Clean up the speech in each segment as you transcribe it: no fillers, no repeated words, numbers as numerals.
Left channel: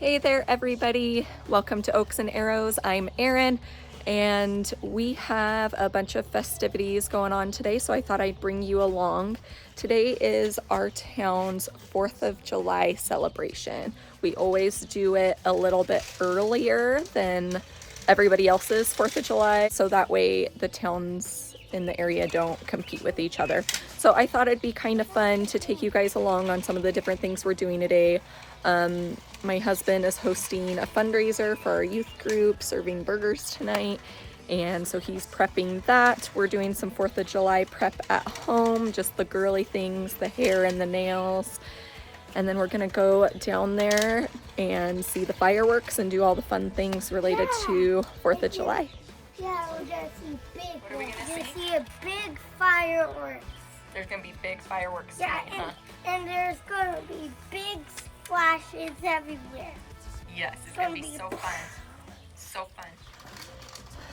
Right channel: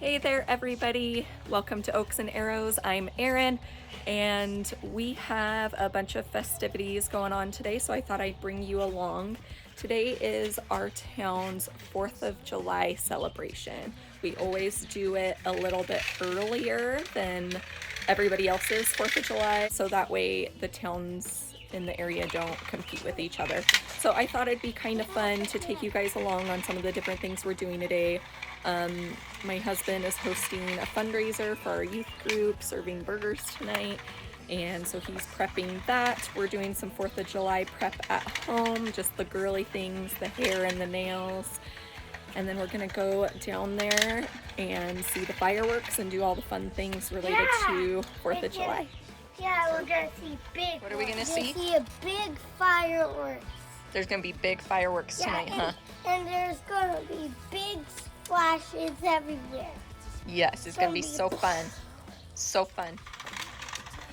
Hey there everybody, welcome to Oaks and Arrows. I'm Erin and we have a bunch of festivities going on today, so I thought I'd bring you along. Today is our town's 4th of July celebration. We always do it a little bit earlier than everybody else's 4th of July, so that way the towns in the area don't compete with each other. So I thought it'd be kind of fun to take you guys along on some of the different things we're doing today. My husband is hosting a fundraiser for our youth group, serving burgers tonight, and so he's prepping that. We're doing some 4th of July prep at home, just the girly things, the hair and the nails, and then we're gonna go down there and see the fireworks and do all the fun things related to 4th of July. Yeah, we're gonna see big. What are we gonna see? See a big fireworks. There's gonna be big fireworks tonight, huh? And there's gonna be big splashes everywhere. Yes, it's gonna be so fun. So fun.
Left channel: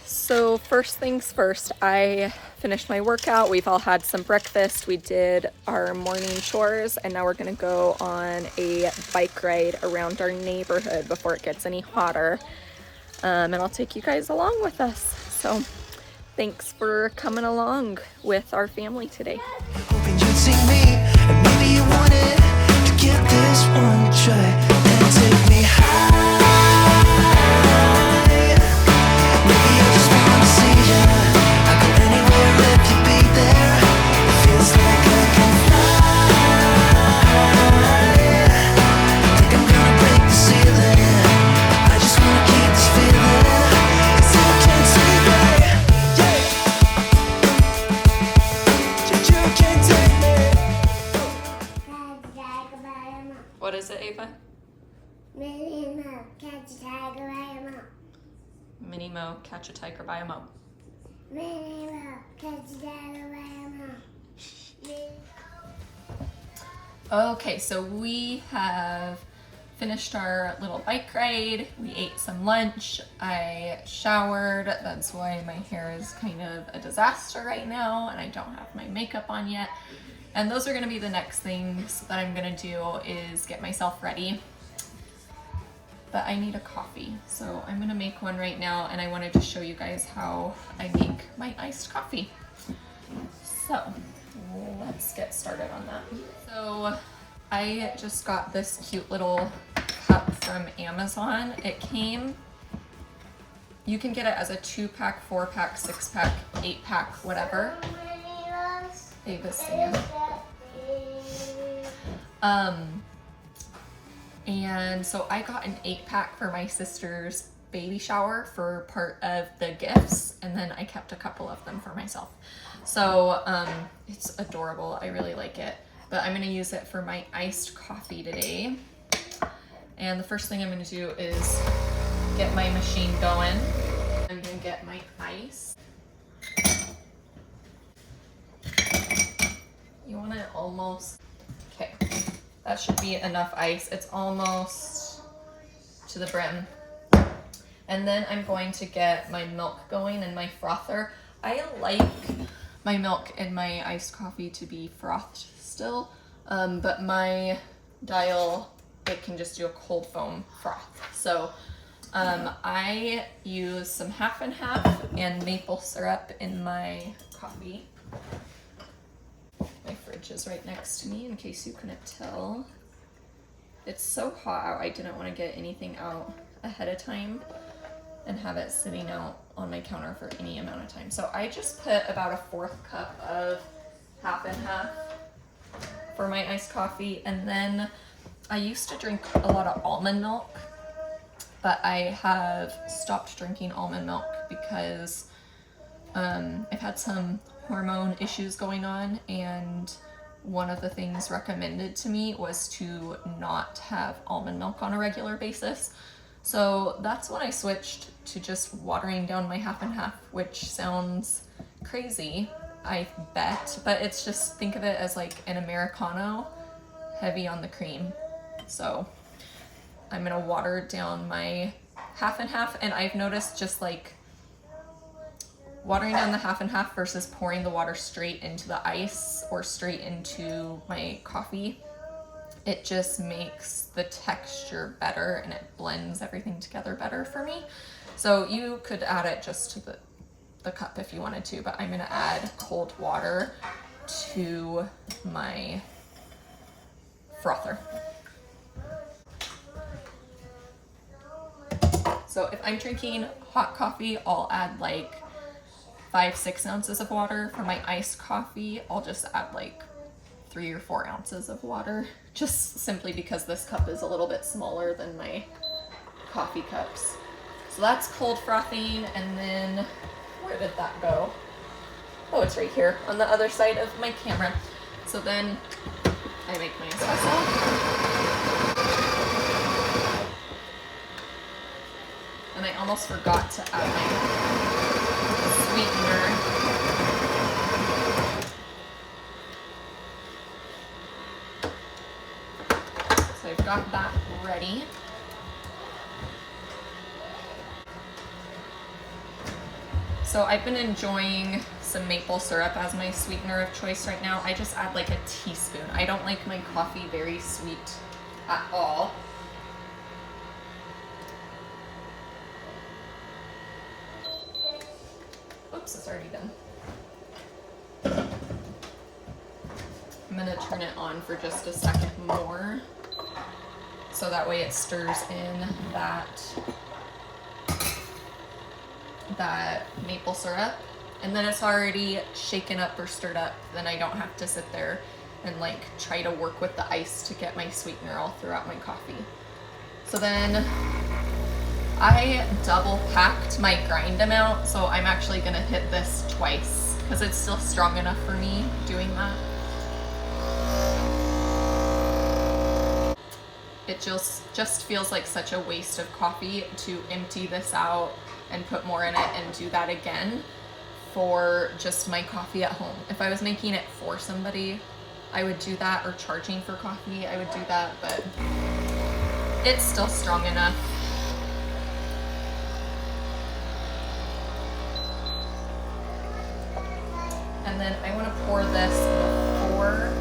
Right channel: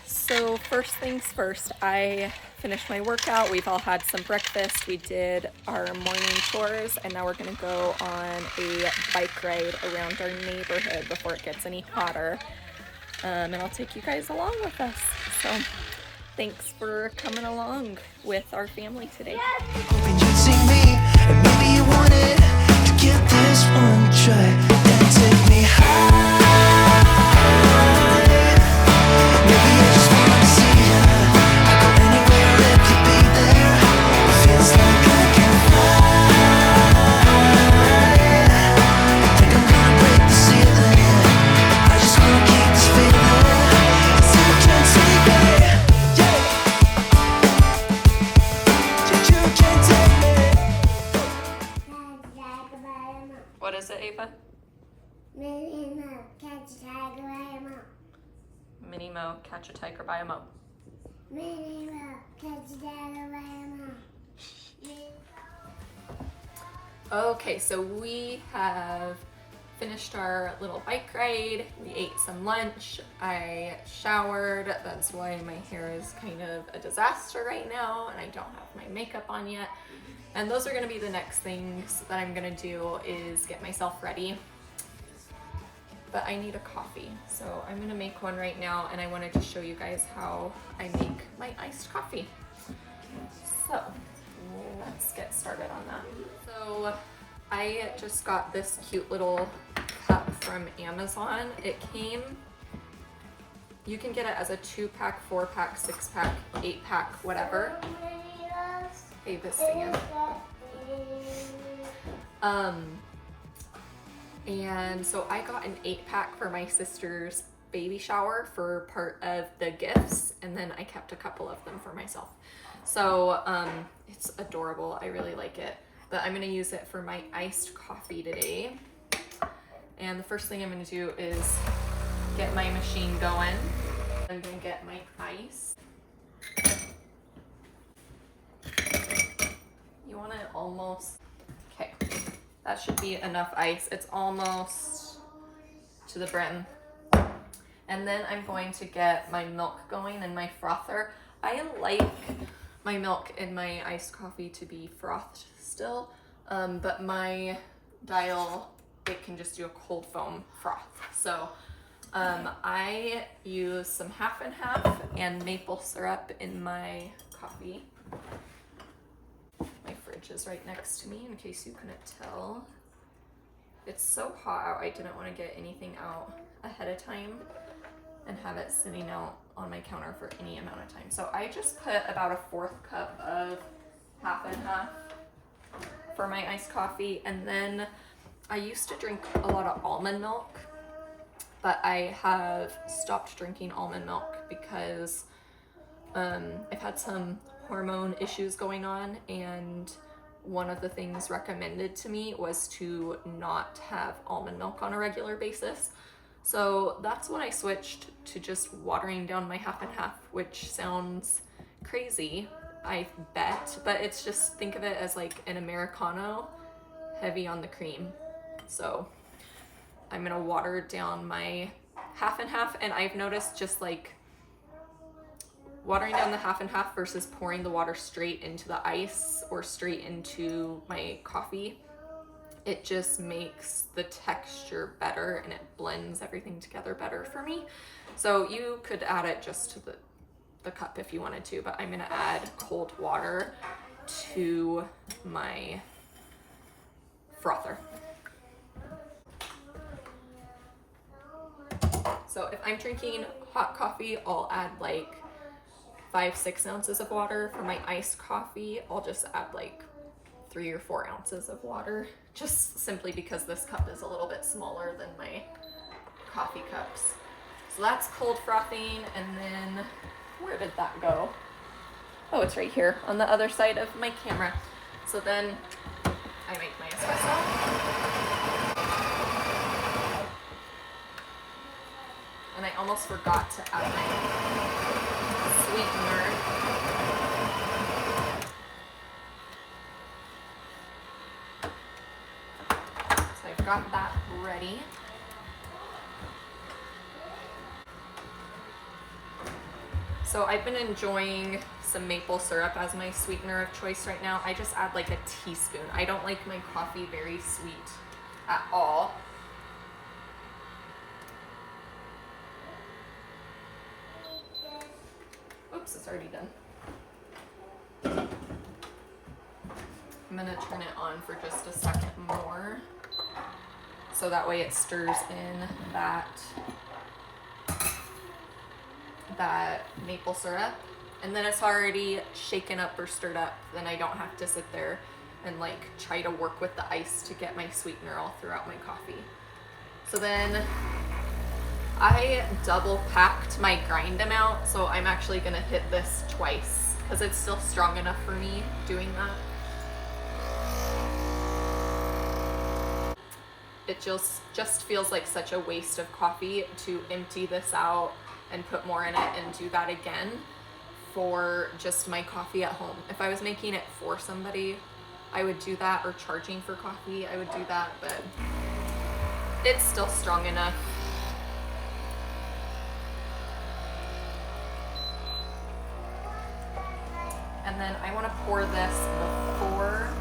So first things first, I finished my workout. We've all had some breakfast. We did our morning chores, and now we're gonna go on a bike ride around our neighborhood before it gets any hotter. And I'll take you guys along with us. So thanks for coming along with our family today. Hoping you'd see me, and maybe you wanted to give this one a try and take me high. Maybe I just want to see ya. I'd go anywhere if you'd be there. It feels like I can fly. I think I'm gonna break the ceiling. I just wanna keep this feeling. 'Cause you can't take me, yeah. You can't take me. What is it, Ava? Minnie Mo, catch a tiger by a mo. Okay, so we have finished our little bike ride. We ate some lunch. I showered. That's why my hair is kind of a disaster right now, and I don't have my makeup on yet. And those are gonna be the next things that I'm gonna do, is get myself ready. But I need a coffee, so I'm gonna make one right now, and I wanted to show you guys how I make my iced coffee. So let's get started on that. So I just got this cute little cup from Amazon. It came, you can get it as a 2-pack, 4-pack, 6-pack, 8-pack, whatever. Ava's singing. And so I got an 8-pack for my sister's baby shower for part of the gifts, and then I kept a couple of them for myself. So it's adorable. I really like it. But I'm gonna use it for my iced coffee today. And the first thing I'm gonna do is get my machine going. I'm gonna get my ice. You want it almost, okay. That should be enough ice. It's almost to the brim. And then I'm going to get my milk going and my frother. I like my milk and my iced coffee to be frothed still, but my dial, it can just do a cold foam froth. So I use some half and half and maple syrup in my coffee. My fridge is right next to me in case you couldn't tell. It's so hot out, I didn't want to get anything out ahead of time and have it sitting out on my counter for any amount of time. So I just put about a 4th cup of half and half for my iced coffee. And then I used to drink a lot of almond milk, but I have stopped drinking almond milk because I've had some hormone issues going on, and one of the things recommended to me was to not have almond milk on a regular basis. So that's when I switched to just watering down my half and half, which sounds crazy, I bet, but it's just, think of it as like an Americano, heavy on the cream. So I'm gonna water down my half and half, and I've noticed just like watering down the half and half versus pouring the water straight into the ice or straight into my coffee It just makes the texture better and it blends everything together better for me. So you could add it just to the cup if you wanted to, but I'm gonna add cold water to my frother. So if I'm drinking hot coffee, I'll add like 5-6 ounces of water. For my iced coffee, I'll just add like 3 or 4 ounces of water, just simply because this cup is a little bit smaller than my coffee cups. So that's cold frothing, and then where did that go? Oh, it's right here on the other side of my camera. So then I make my espresso. And I almost forgot to add my sweetener. So I've got that ready. So I've been enjoying some maple syrup as my sweetener of choice right now. I just add like a teaspoon. I don't like my coffee very sweet at all. Oops, it's already done. I'm gonna turn it on for just a second more, so that way it stirs in that maple syrup, and then it's already shaken up or stirred up. Then I don't have to sit there and like try to work with the ice to get my sweetener all throughout my coffee. So then I double packed my grind amount, so I'm actually gonna hit this twice because it's still strong enough for me doing that. It just feels like such a waste of coffee to empty this out and put more in it and do that again for just my coffee at home. If I was making it for somebody, I would do that, or charging for coffee, I would do that, but it's still strong enough. And then I want to pour this before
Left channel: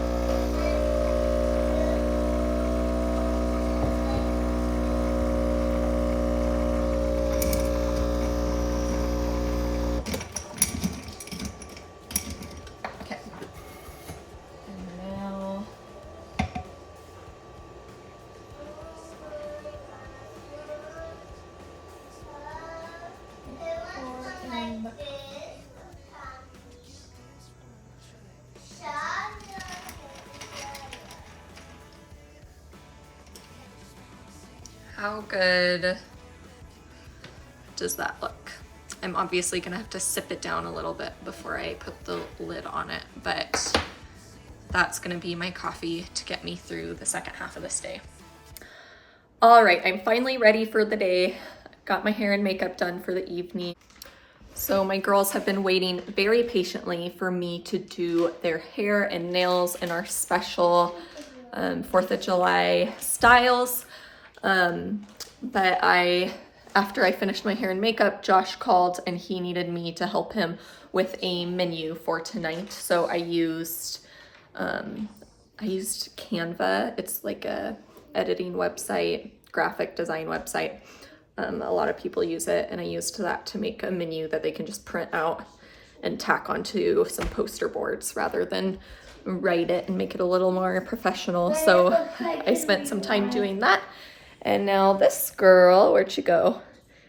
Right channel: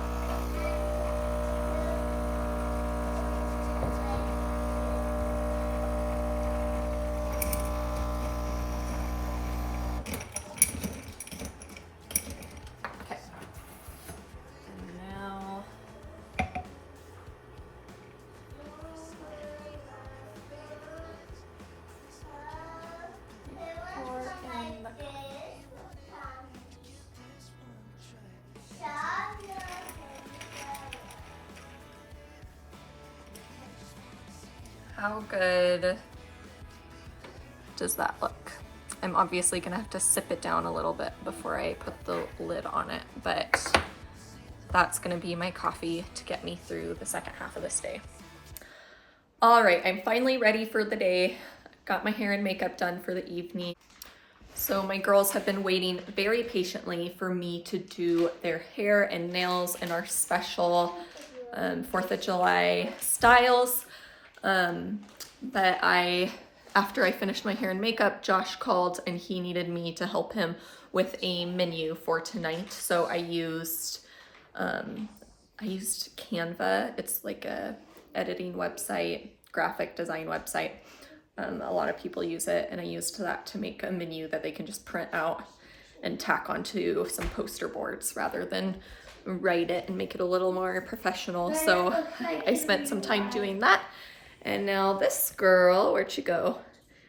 how good does that look? I'm obviously gonna have to sip it down a little bit before I put the lid on it, but that's gonna be my coffee to get me through the second half of this day. All right, I'm finally ready for the day. Got my hair and makeup done for the evening. So my girls have been waiting very patiently for me to do their hair and nails in our special 4th of July styles. But after I finished my hair and makeup, Josh called and he needed me to help him with a menu for tonight. So I used Canva. It's like a editing website, graphic design website. A lot of people use it, and I used that to make a menu that they can just print out and tack onto some poster boards rather than write it and make it a little more professional. So I spent some time doing that. And now this girl, where'd she go,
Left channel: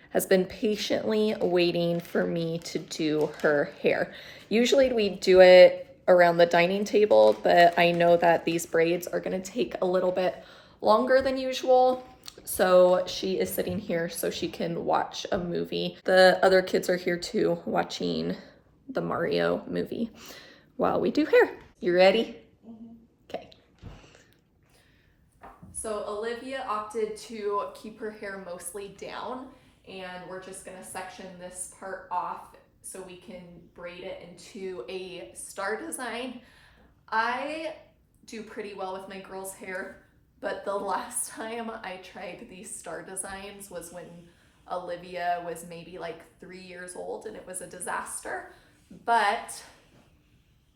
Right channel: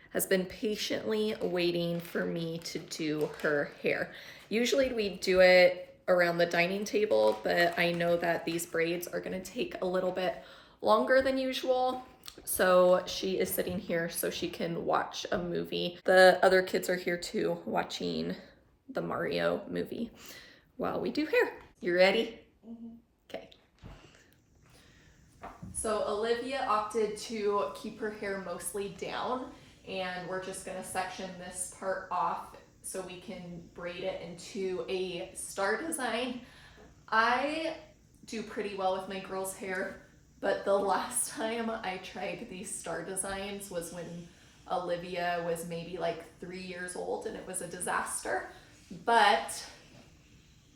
has been patiently waiting for me to do her hair. Usually we do it around the dining table, but I know that these braids are gonna take a little bit longer than usual. So she is sitting here so she can watch a movie. The other kids are here too, watching the Mario movie while we do hair. You ready? Okay. So Olivia opted to keep her hair mostly down, and we're just gonna section this part off so we can braid it into a star design. I do pretty well with my girls' hair, but the last time I tried these star designs was when Olivia was maybe like 3 years old, and it was a disaster. But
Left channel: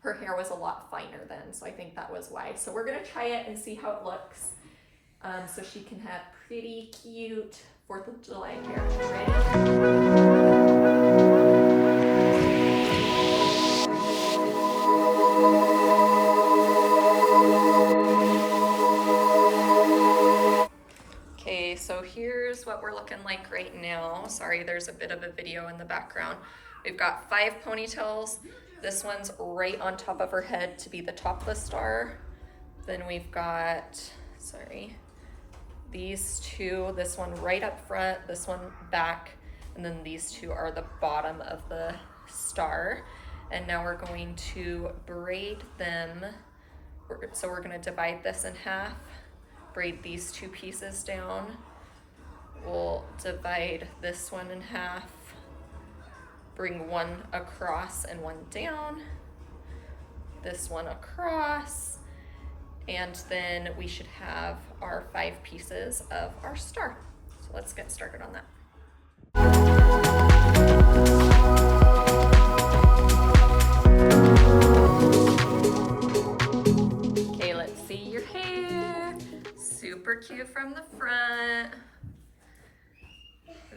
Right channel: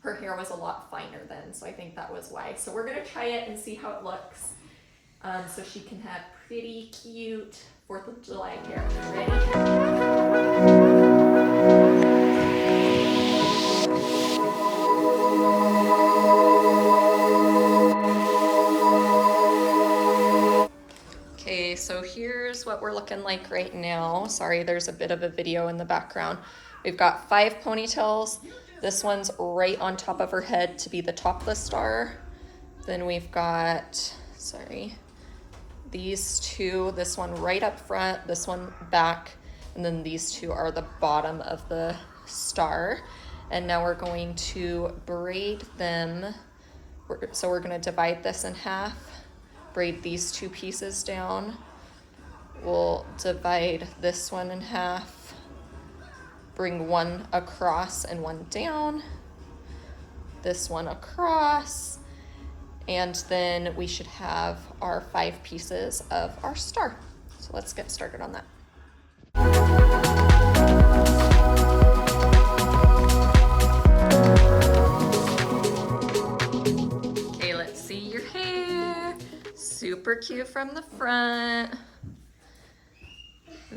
her hair was a lot finer then, so I think that was why. So we're gonna try it and see how it looks, so she can have pretty cute 4th of July hair. Ready? Okay, so here's what we're looking like right now. Sorry, there's a bit of a video in the background. We've got 5 ponytails. This one's right on top of her head to be the topless star. Then we've got, sorry, these 2, this one right up front, this one back, and then these 2 are the bottom of the star. And now we're going to braid them. So we're gonna divide this in half, braid these 2 pieces down. We'll divide this one in half, bring one across and one down, this one across, and then we should have our 5 pieces of our star. So let's get started on that. Okay, let's see your hair. Super cute from the front.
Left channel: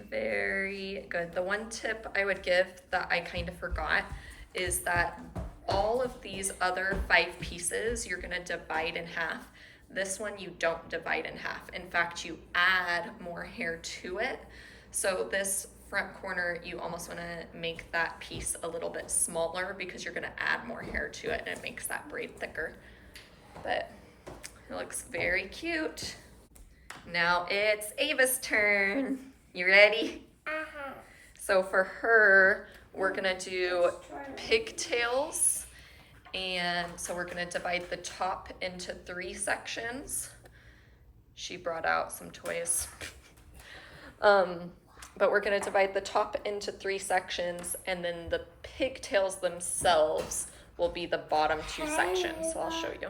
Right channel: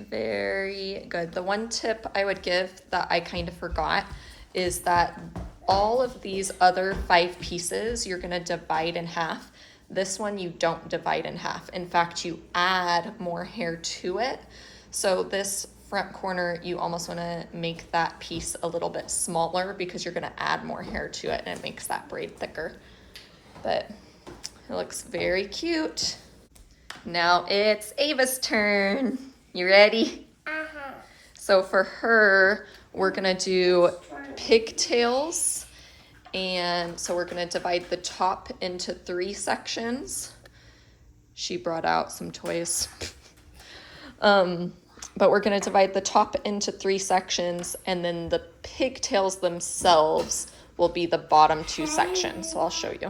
Very good. The one tip I would give that I kind of forgot is that all of these other 5 pieces you're gonna divide in half. This one you don't divide in half. In fact, you add more hair to it. So this front corner, you almost wanna make that piece a little bit smaller because you're gonna add more hair to it and it makes that braid thicker. But it looks very cute. Now it's Ava's turn. You ready? Uh-huh. So for her, we're gonna do pigtails. And so we're gonna divide the top into 3 sections. She brought out some toys. But we're gonna divide the top into 3 sections, and then the pigtails themselves will be the bottom 2 sections. So I'll show you.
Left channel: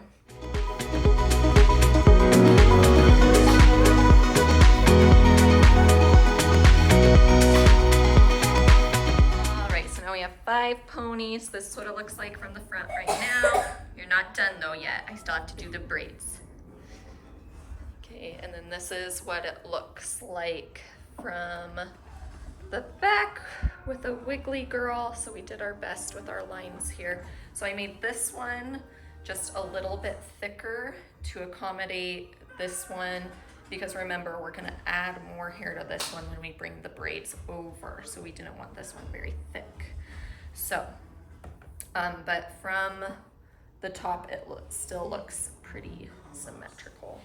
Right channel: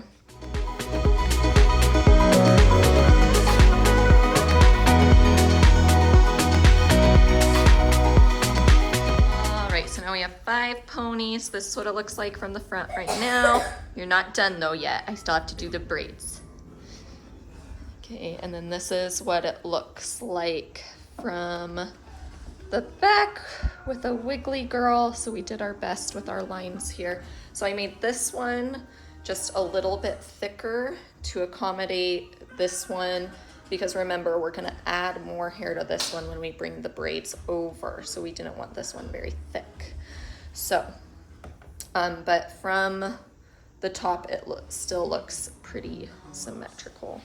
Now we have 5 ponies. This is what it looks like from the front right now. You're not done though yet. I still have to do the braids. Okay, and then this is what it looks like from the back with a wiggly girl. So we did our best with our lines here. So I made this one just a little bit thicker to accommodate this one, because remember, we're gonna add more hair to this one when we bring the braids over. So we didn't want this one very thick. So, but from the top, it still looks pretty symmetrical.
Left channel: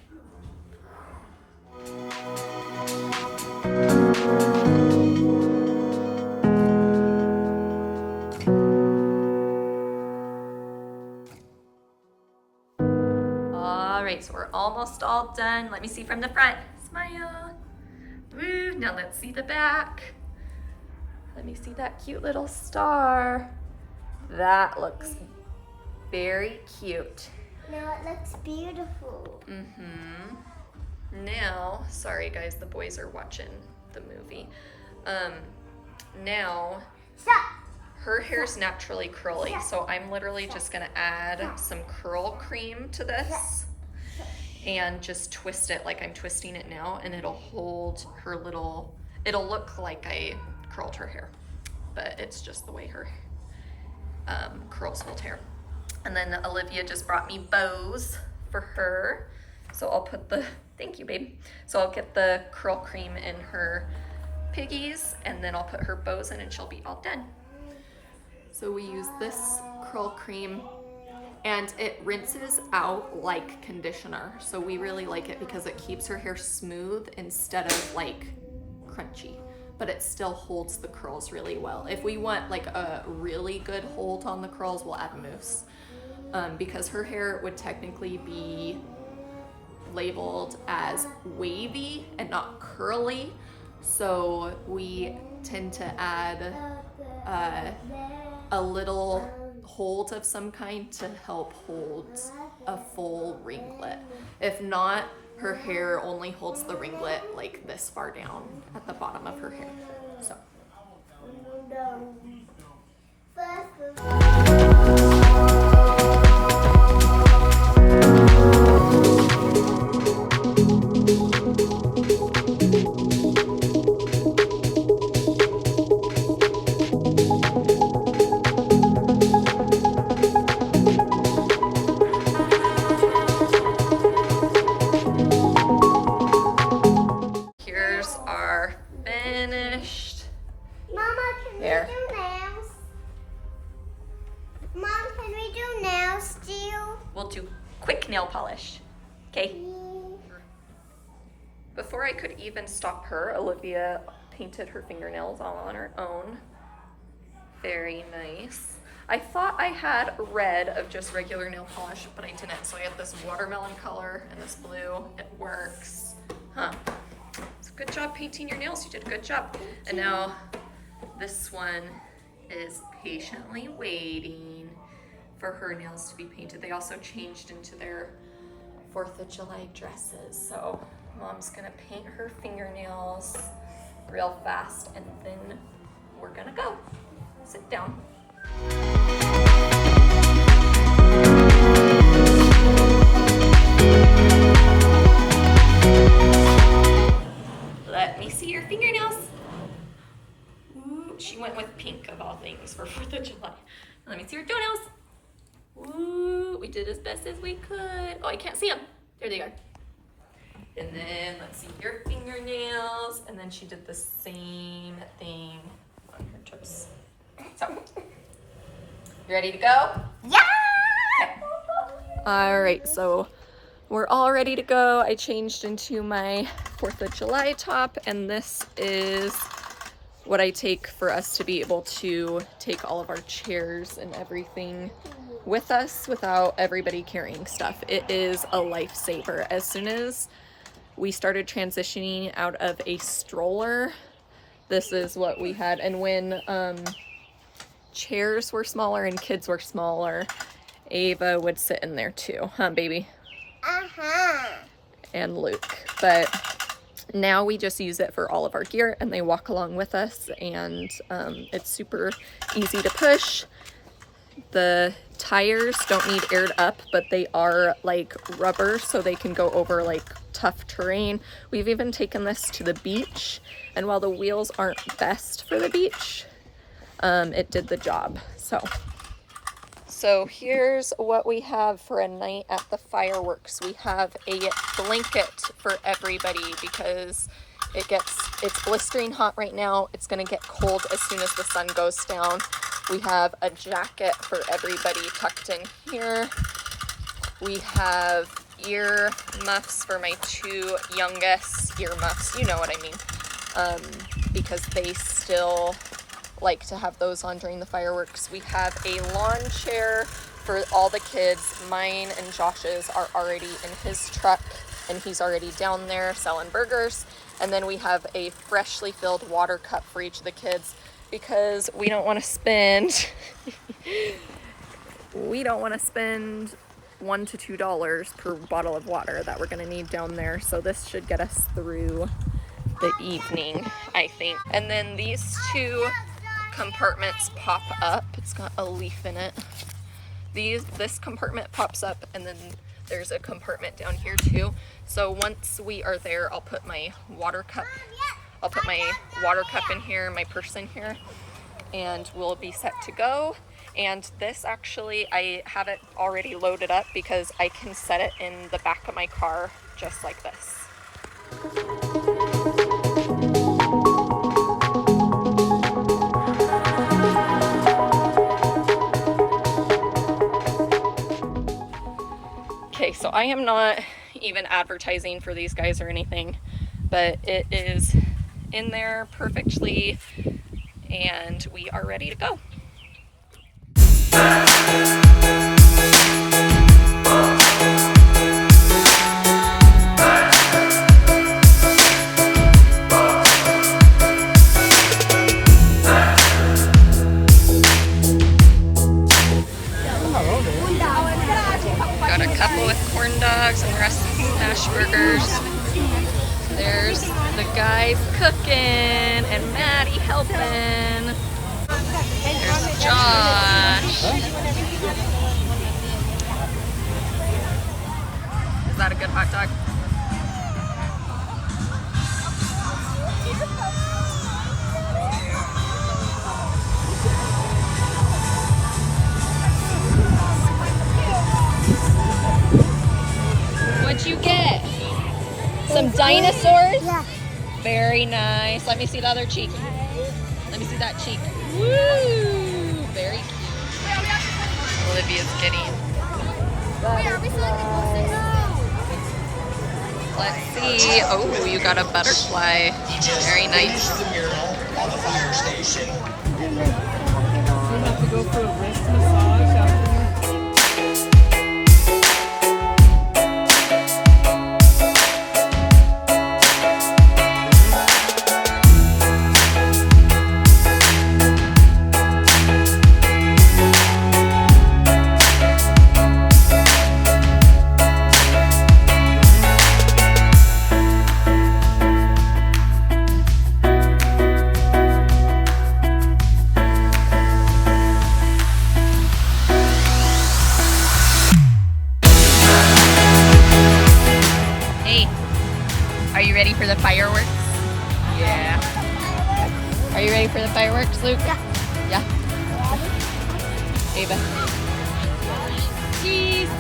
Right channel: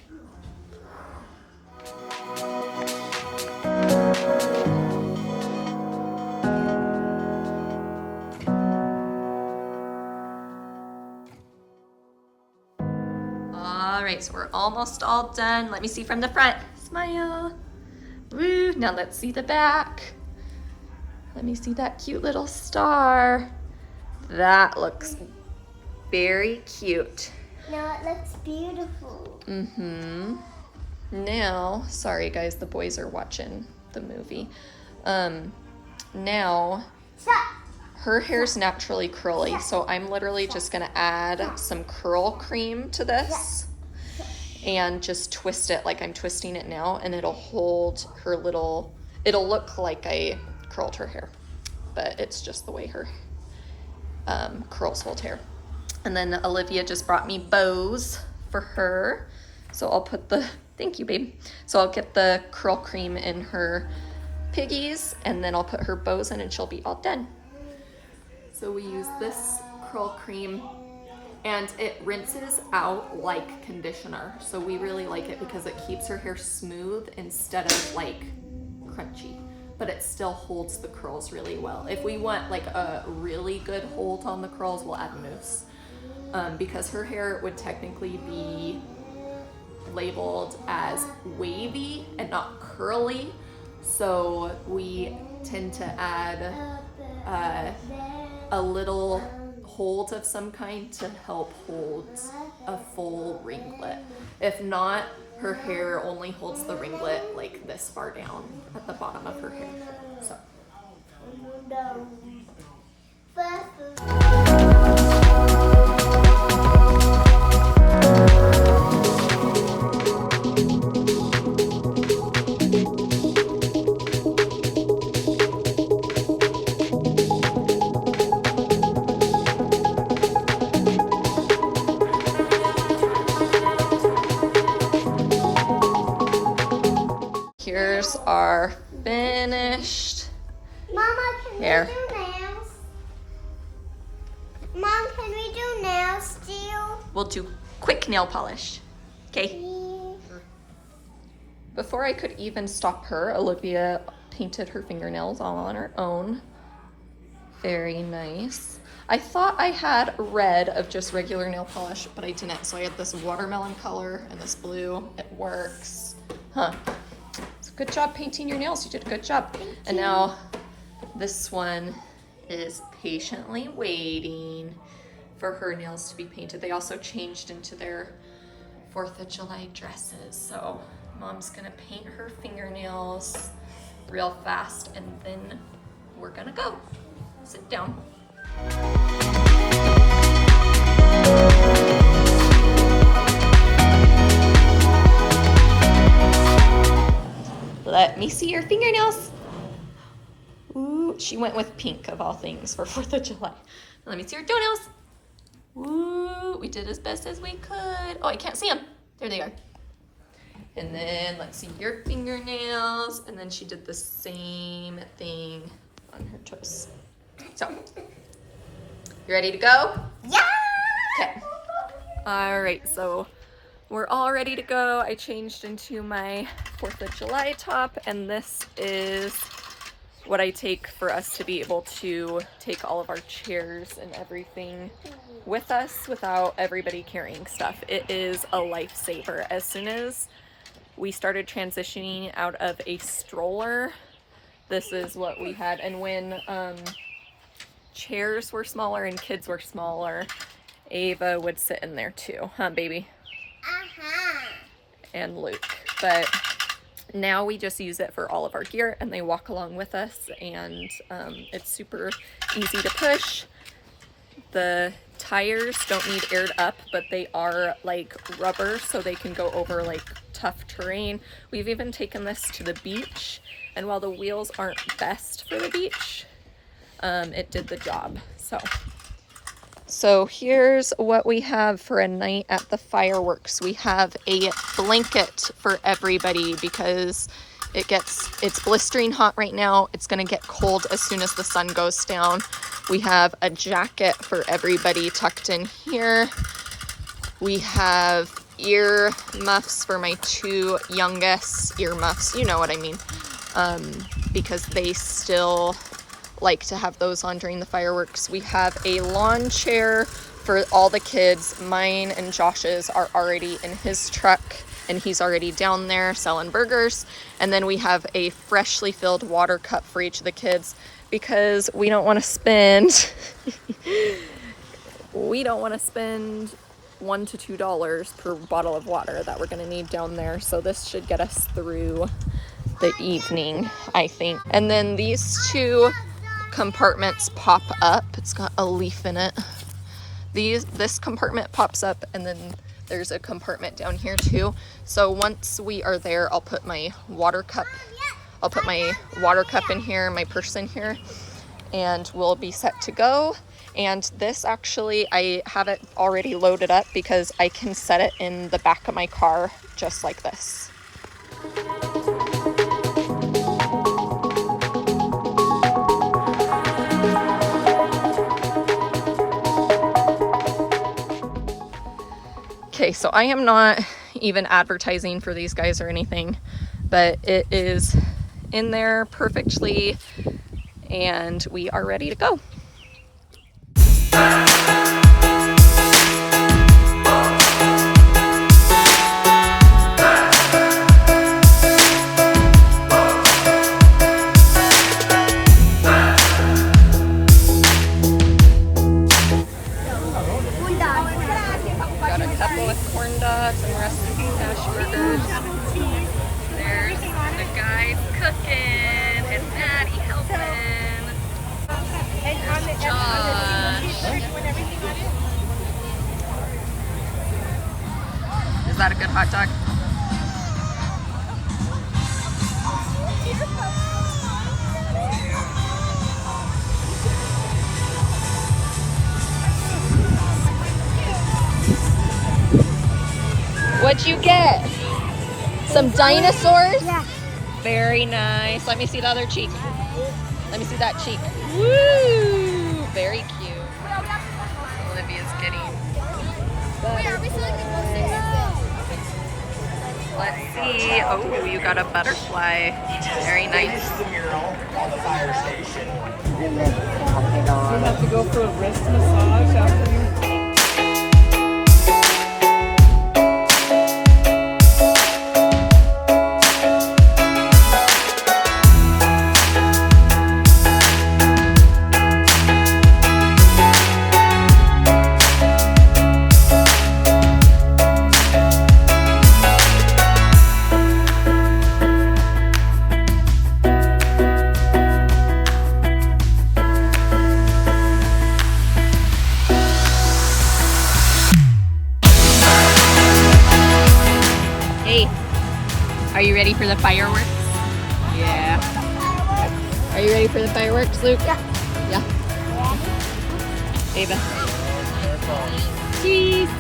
All right, so we're almost all done. Let me see from the front. Smile. Woo, now let's see the back. Let me see that cute little star. That looks very cute. Now it looks beautiful. Mm-hmm. Now, sorry guys, the boys are watching the movie. Now, Stop. her hair's naturally curly, so I'm literally just gonna add some curl cream to this and just twist it like I'm twisting it now, and it'll hold her little, it'll look like I curled her hair, but it's just the way her curls hold hair. And then Olivia just brought me bows for her, so I'll put the, thank you babe, so I'll get the curl cream in her piggies, and then I'll put her bows in and she'll be all done. So we use this curl cream and it rinses out like conditioner, so we really like it because it keeps her hair smooth instead of like crunchy, but it still holds the curls really well. If we want like a really good hold on the curls, we'll add mousse, because her hair would technically be labeled as wavy and not curly, so we tend to add a little hold of some kind to help hold a full ringlet. If not, her hair only holds the ringlet like this far down at the bottom of her hair. So. Here's our finished Mama, can hair. we do nails? Mom, can we do nails still? We'll do quick nail polish. Okay. Before I could even stop her, Olivia painted her fingernails all on her own. Very nice. I thought I had red of just regular nail polish, but I didn't. So I had this watermelon color and this blue. It works. Huh. So good job painting your nails. You did a good job. And now this one is patiently waiting for her nails to be painted. They also changed into their 4th of July dresses. So Mom's gonna paint her fingernails real fast and then we're gonna go. Sit down. Let me see your fingernails. Ooh, she went with pink of all things for 4th of July. Let me see your toenails. Ooh, we did as best as we could. Oh, I can't see them. There they are. And then let's see your fingernails. And then she did the same thing on her toes. So, you ready to go? Yeah! Okay. All right, so we're all ready to go. I changed into my 4th of July top, and this is what I take for us to be able to take all of our chairs and everything with us without everybody carrying stuff. It is a lifesaver. As soon as we started transitioning out of a stroller, this is what we had. And when chairs were smaller and kids were smaller, Ava would sit in there too, huh, baby? Uh-huh. And Luke. But now we just use it for all of our gear and they walk along with us, and it's super easy to push. The tires don't need aired up, but they are like rubber, so they can go over like tough terrain. We've even taken this to the beach, and while the wheels aren't best for the beach, it did the job. So here's what we have for a night at the fireworks. We have a blanket for everybody because it's blistering hot right now. It's gonna get cold as soon as the sun goes down. We have a jacket for everybody tucked in here. We have ear muffs for my 2 youngest, ear muffs, you know what I mean, because they still like to have those on during the fireworks. We have a lawn chair for all the kids. Mine and Josh's are already in his truck, and he's already down there selling burgers. And then we have a freshly filled water cup for each of the kids because we don't want to spend $1 to $2 per bottle of water that we're going to need down there. So this should get us through the evening, I think. And then these 2 compartments pop up. It's got a leaf in it. This compartment pops up, and then there's a compartment down here too. So once we are there, I'll put my water cup in here, my purse in here, and we'll be set to go. And this actually, I have it already loaded up because I can set it in the back of my car just like this. Okay, so I am not even advertising for these guys or anything, but it is in there perfectly and we are ready to go. Got a couple with corn dogs and the rest hash burgers. There's the guys cooking and Maddie helping. There's Josh. that a good hot dog? What'd you get? Some dinosaurs? Yeah. Very nice. Let me see the other cheek. Let me see that cheek. Woo! Very cute. Olivia's getting. Wait, are we still like Let's see. Oh, you got a butterfly. Very nice. You have to go for a wrist massage after your Are you ready for the fireworks? Yeah. Are you ready for the fireworks, Luke? Yeah. Yeah. Ava. Cheese.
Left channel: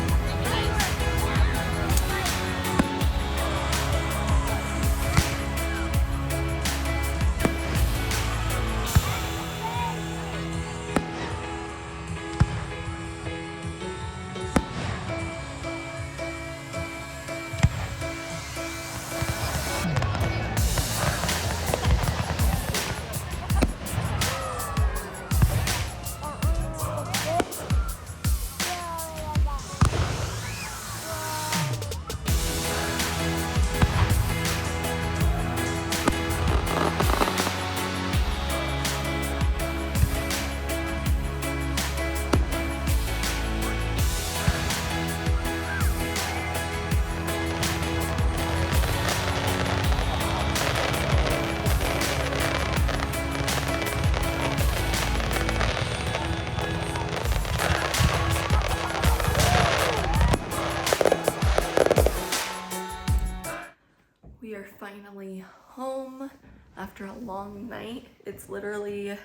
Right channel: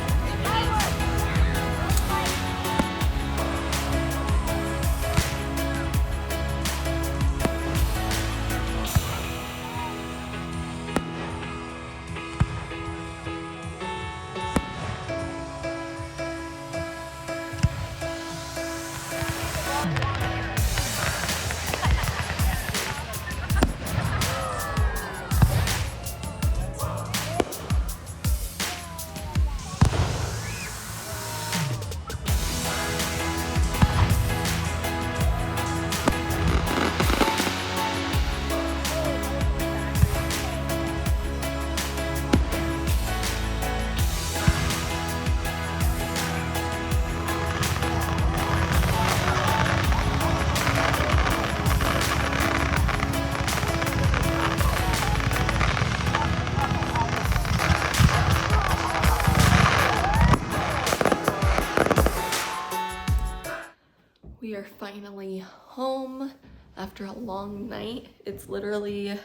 We are finally home after a long night. It's literally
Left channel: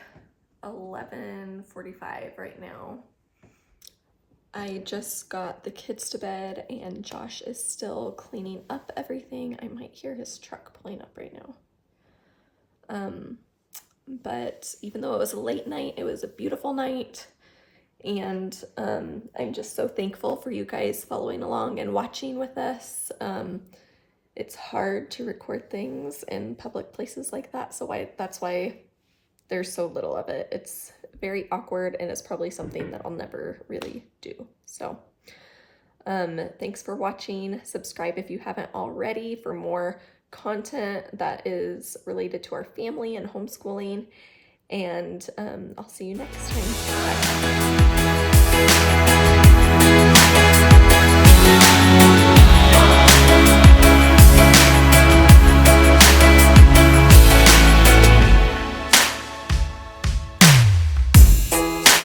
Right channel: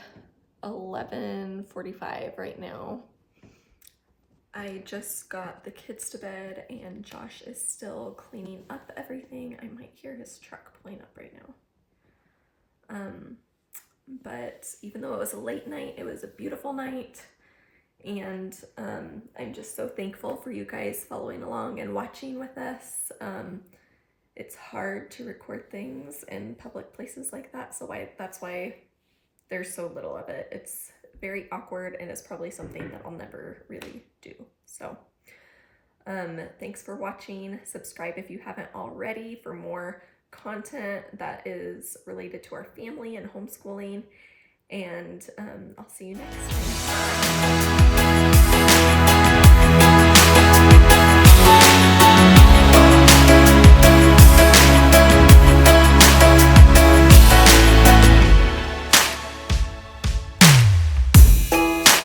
11:45 right now. I just got the kids to bed and Josh is still cleaning up everything. I might hear his truck pulling up right now. But even though it was a late night, it was a beautiful night. And I'm just so thankful for you guys following along and watching with us. It's hard to record things in public places like that, so that's why there's so little of it. It's very awkward and it's probably something that I'll never really do. So thanks for watching. Subscribe if you haven't already for more content that is related to our family and homeschooling, and I'll see you next time. Bye.